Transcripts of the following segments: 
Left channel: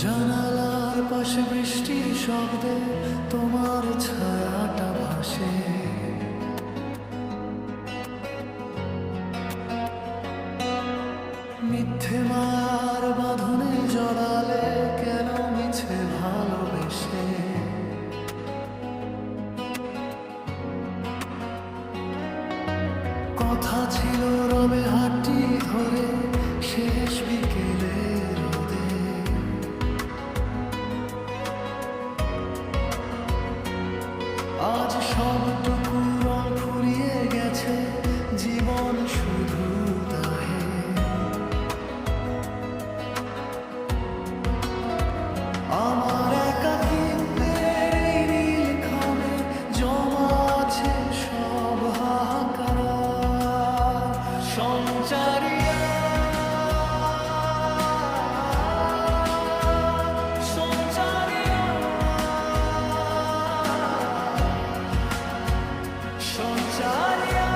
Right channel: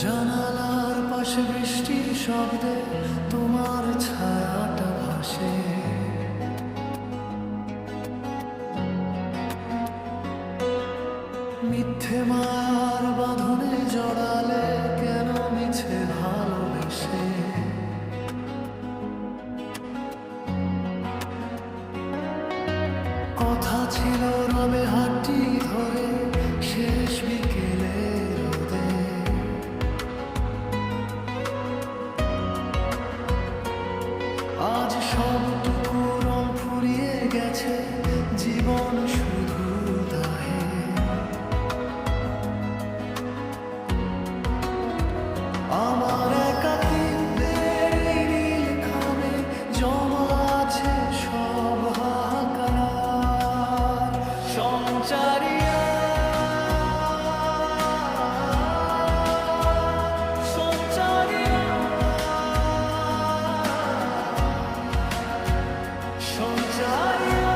জানালার পাশে বৃষ্টির শব্দে তোমার ছায়াটা ভাসে। মিথ্যে মার বাঁধনে জড়ালে কেন মিছে ভালোবেসে। কথা ছিল রবে হাঁটি ধরে শেষ বিকেলে রোদে। আজ সবটুকু রং ফুরিয়ে গেছে, জীবন শুধু দাহে। আমার একাকিত্বের এই নীল খামে জমা আছে সব হাহাকার। সঞ্চারিয়া সঞ্চারিয়া সঞ্চারিয়া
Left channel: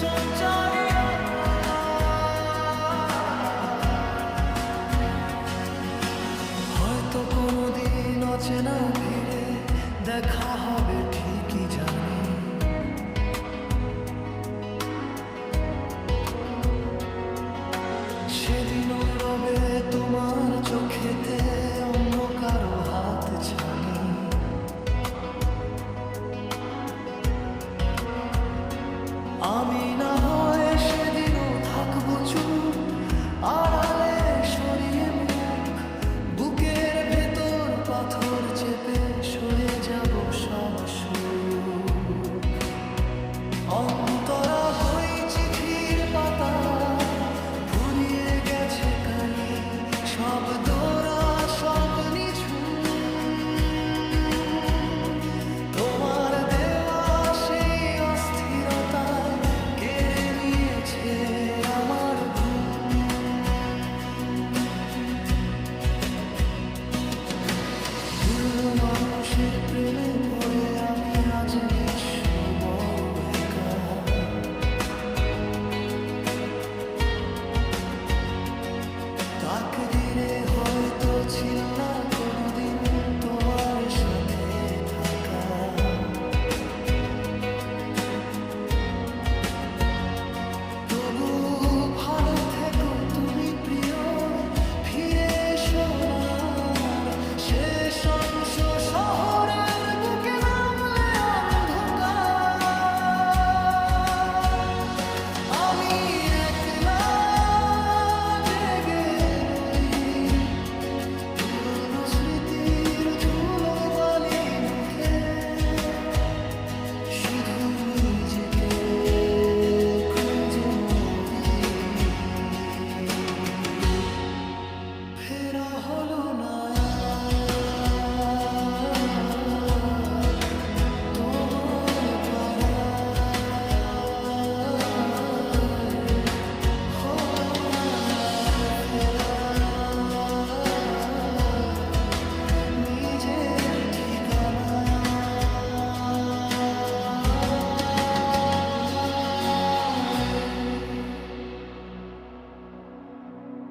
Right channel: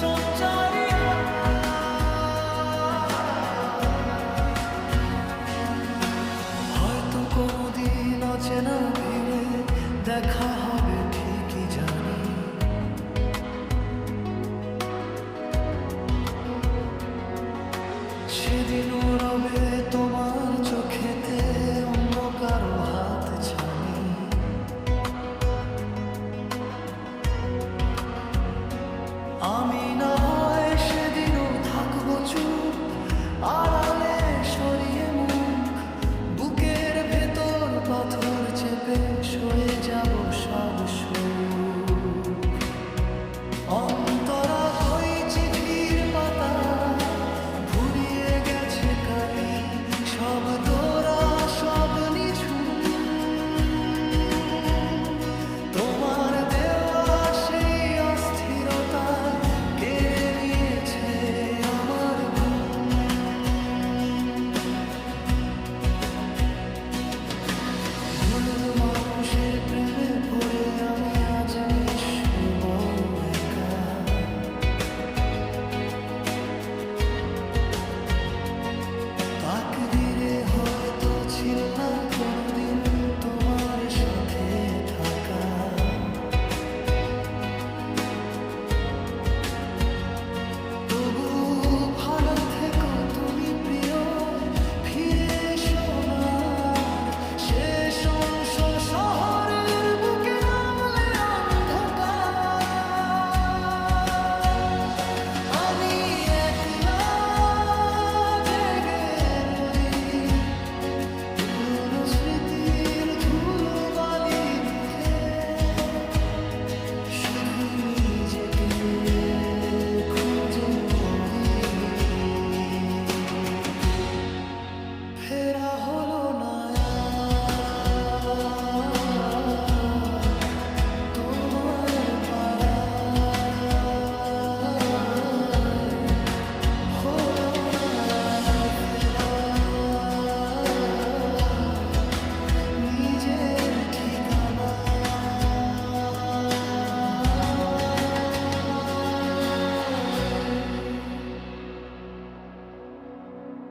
সঞ্চারিয়া। হয়তো কোনোদিন অচেনা ভিড়ে দেখা হবে ঠিকই জানি। সেদিনও রবে তোমার চোখেতে অন্য কারো হাত ছানি। আমি না হয় সেদিনও থাকবো চুপ, আড়ালে সরিয়ে মুখ। বুকের ভেতর পাথর চেপে সয়ে যাব সব সুখ। অন্তরা বই চিঠির পাতা ফুরিয়ে গেছে কালি, সব দোরা সব নিঝুম। তোমার দেওয়া সেই অস্থিরতায় কেড়ে নিয়েছে আমার ঘুম। ভুল মানুষের প্রেমে পড়ে আমি আজ নিঃস্ব বড় একা। তাকদিরে হয়তো ছিল না